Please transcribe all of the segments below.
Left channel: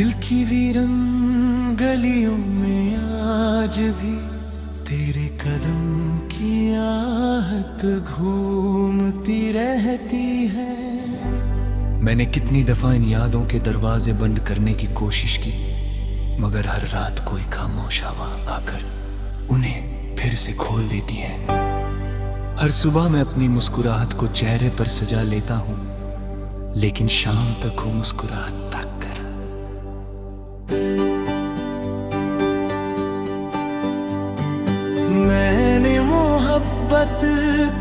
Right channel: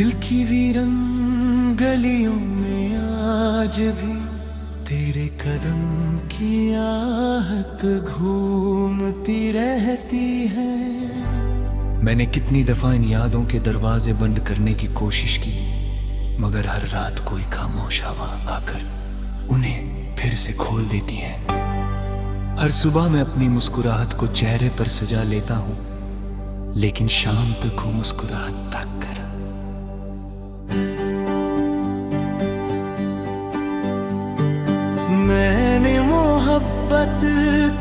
दिल की वीरन गलियों में आज भी तेरे कदम की आहट घूमती रहती है। मैंने कितनी दफा इन यादों के दरवाजे बंद करने की कोशिश की, मगर हर रात कोई खामोश हवा आकर उन्हें फिर से खोल देती है। हर सुबह मैं अपनी मुस्कुराहट को चेहरे पर सजा लेता हूं, लेकिन शाम तक वो मुस्कुराहट तक कर। मैंने मोहब्बत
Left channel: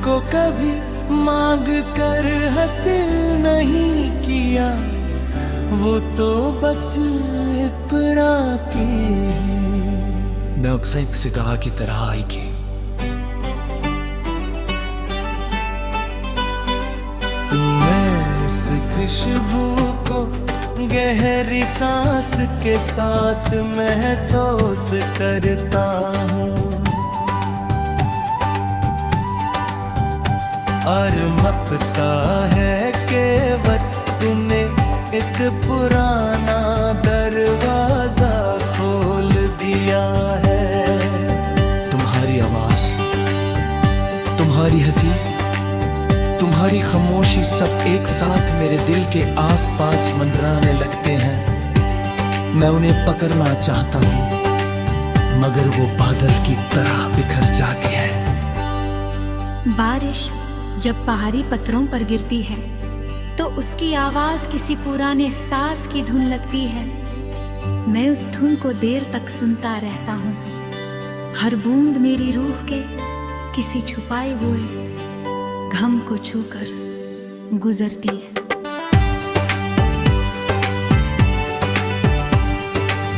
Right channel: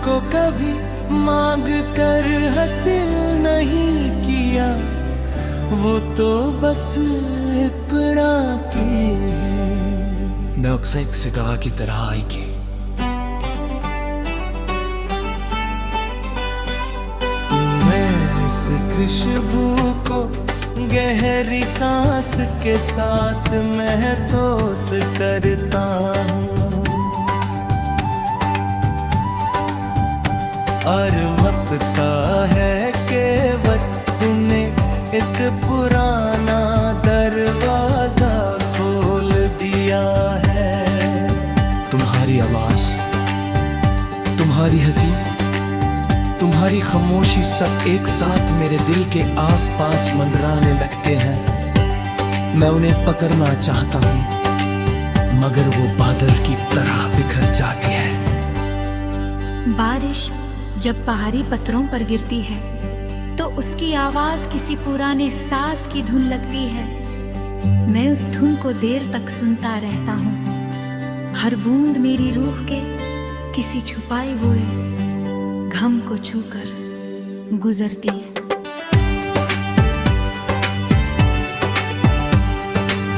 को कभी मांग कर हासिल नहीं किया, वो तो बस इतना की मैं अक्सर एक सितारा की तरह आई की। मैं इस खुशबू को गहरी सांस के साथ महसूस करता हूँ, और मपता है कि वक्त तुमने एक पुराना दरवाजा खोल दिया है। तुम्हारी आवाज, तुम्हारी हंसी, तुम्हारी खामोशी सब एक साथ मेरे दिल के आसपास मंडराने लगते हैं। मैं उन्हें पकड़ना चाहता हूँ, मगर वो बादल की तरह बिखर जाती है। बारिश जब पहाड़ी पत्थरों पर गिरती है तो उसकी आवाज किसी पुराने साज की धुन लगती है। मैं उस धुन को देर तक सुनता रहता हूँ। हर बूंद मेरी रूह के किसी छुपाए हुए गम को छूकर गुजरती है।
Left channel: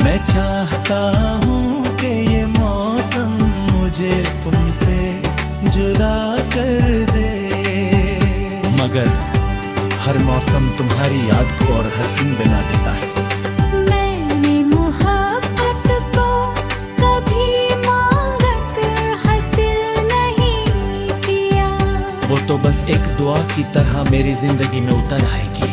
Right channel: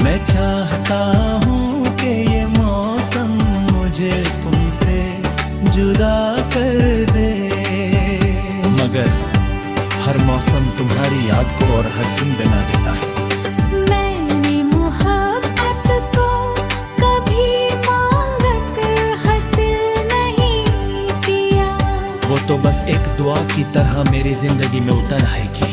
मैं चाहता हूँ कि ये मौसम मुझे तुमसे जुदा कर दे, मगर हर मौसम तुम्हारी याद को और हसीन बना देता है। मैंने मोहब्बत को कभी मांग कर हासिल नहीं किया, वो तो बस एक दुआ की तरह मेरी जिंदगी में उतर आएगी।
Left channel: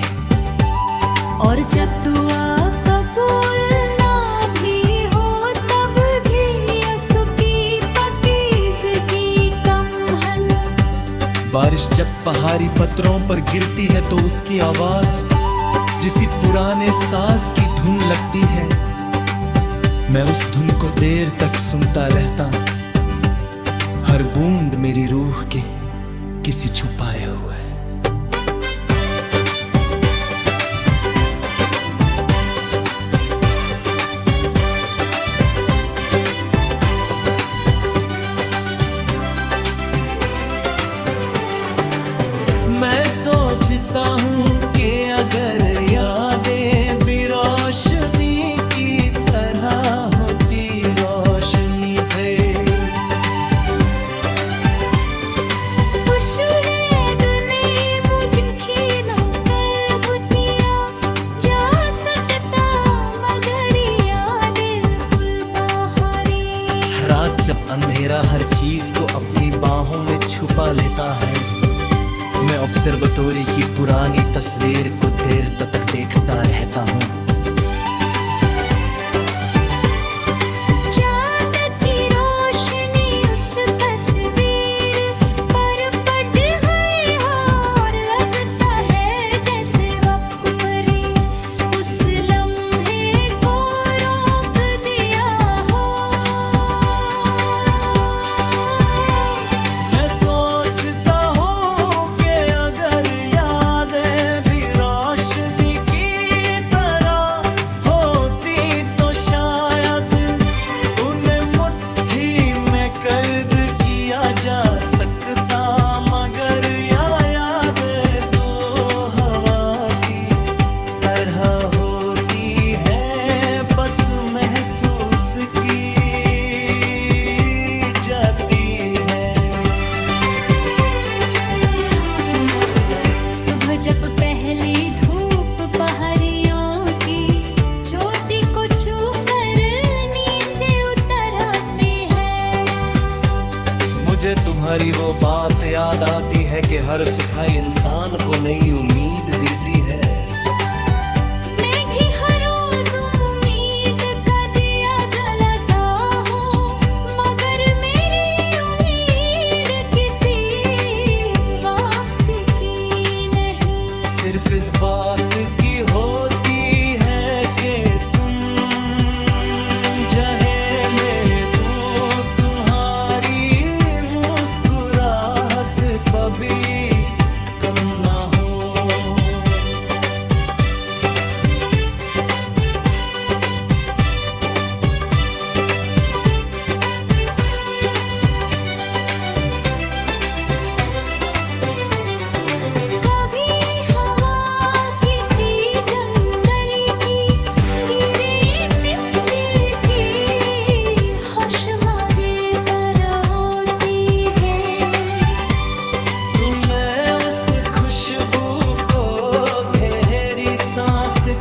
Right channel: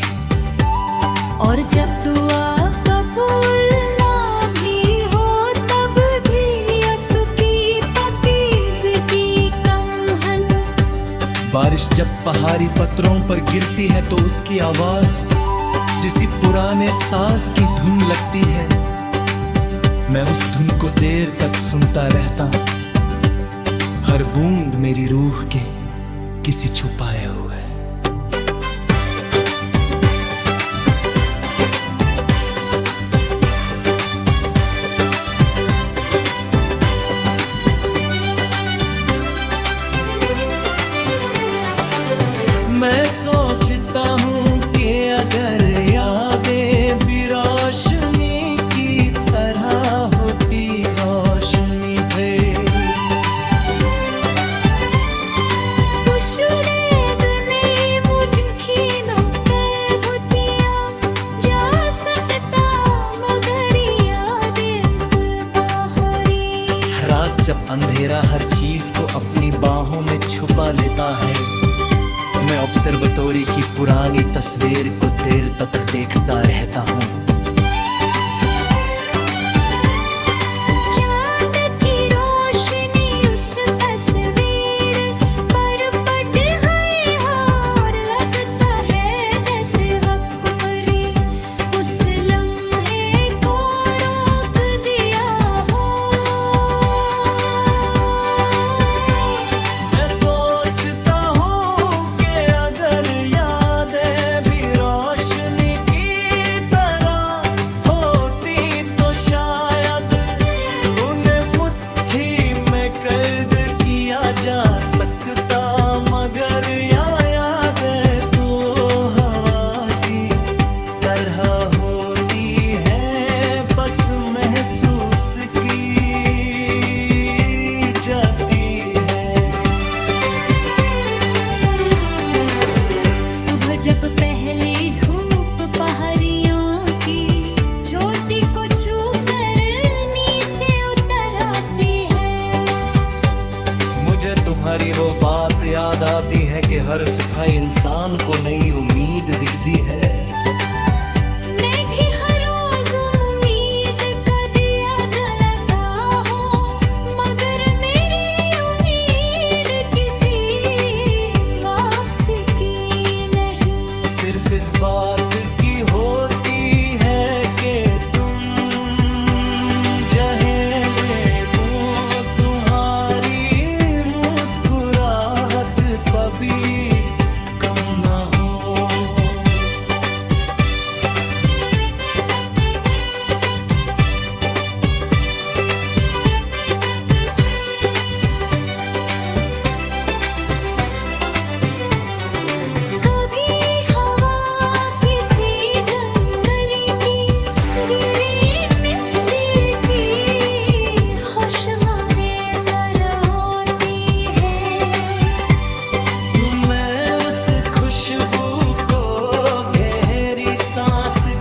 और जब दुआ कबूल ना भी हो तब भी आंसू की पाकीज़गी कम हन। बारिश जब पहाड़ी पत्थरों पर गिरती है तो उसकी आवाज जिसी पुराने साज की धुन लगती है। मैं उस धुन को देर तक सुनता रहता हूं, हर बूंद मेरी रूह के किसी छुपाए हुए। मैं सोचता हूँ कि अगर यादें भी रोशनी की तरह होती रोशनी थे, जा सकता मगर यादें रात जब अंधेरा हर चीज को अपनी बाहों में छुपा लेता है, मैं ऑब्जर्वेटरी की पुरानी तस्वीर को देर तक देखता रहता हूँ। चांद की रोशनी उस तस्वीर पर पड़ गई और लगता है जैसे वक्त पर उस लम्हे को रोक दिया हो। मैं सोचता कैद किया जा सकता, मगर यादें तो हवा की तरह होती है, बस महसूस की जाती है। सुबह जब पहली धूप पहाड़ियों की चोटी को छूकर मुझे तुम्हारी वो बात याद आती है कि हर सुबह इंसान को नई उम्मीद देती है। मैं भी हर रोज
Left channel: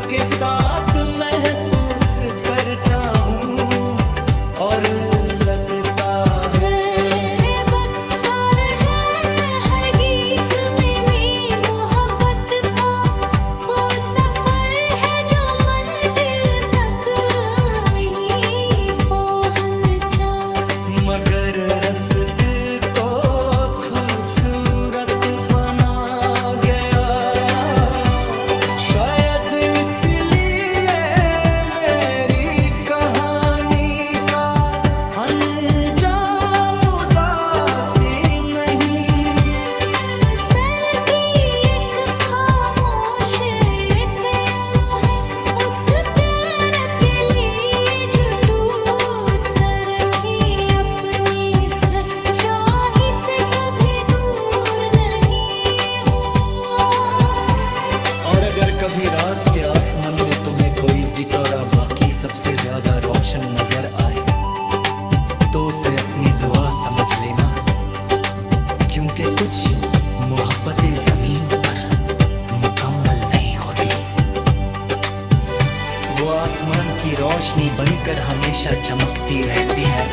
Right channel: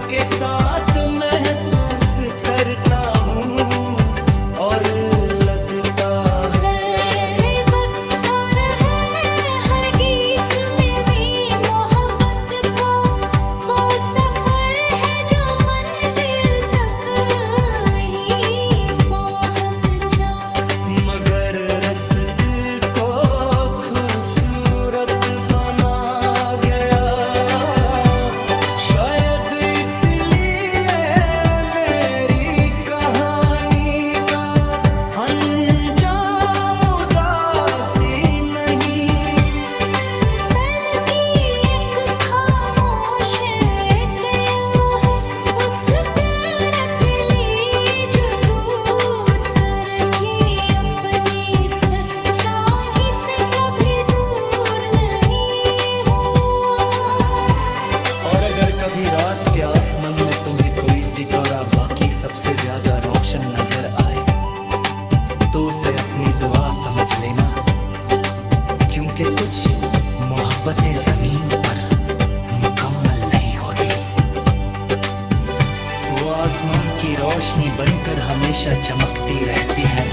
के साथ महसूस करता हूँ और लगता है वक्तार है हर गीत में मोहब्बत का वो सफर है जो मंजिल तक ही पहुंचा। मगर रास्ते को खूबसूरत बना गया, शायद इसलिए मेरी कहानी का अंजाम उदासी नहीं। कल की एक खामोश कयाम है उस प्यार के लिए जो टूट कर रखी अपनी सच्चाई से कभी दूर नहीं हुआ। और अगर कभी रात के आसमान में तुम्हें कोई सितारा बाकी सबसे ज्यादा रोशन नजर आए तो उसे अपनी दुआ समझ लेना, क्योंकि कुछ मोहब्बतें जमीन पर मुकम्मल नहीं होती। वो आसमान की रोशनी बनकर हमेशा चमकती रहती है।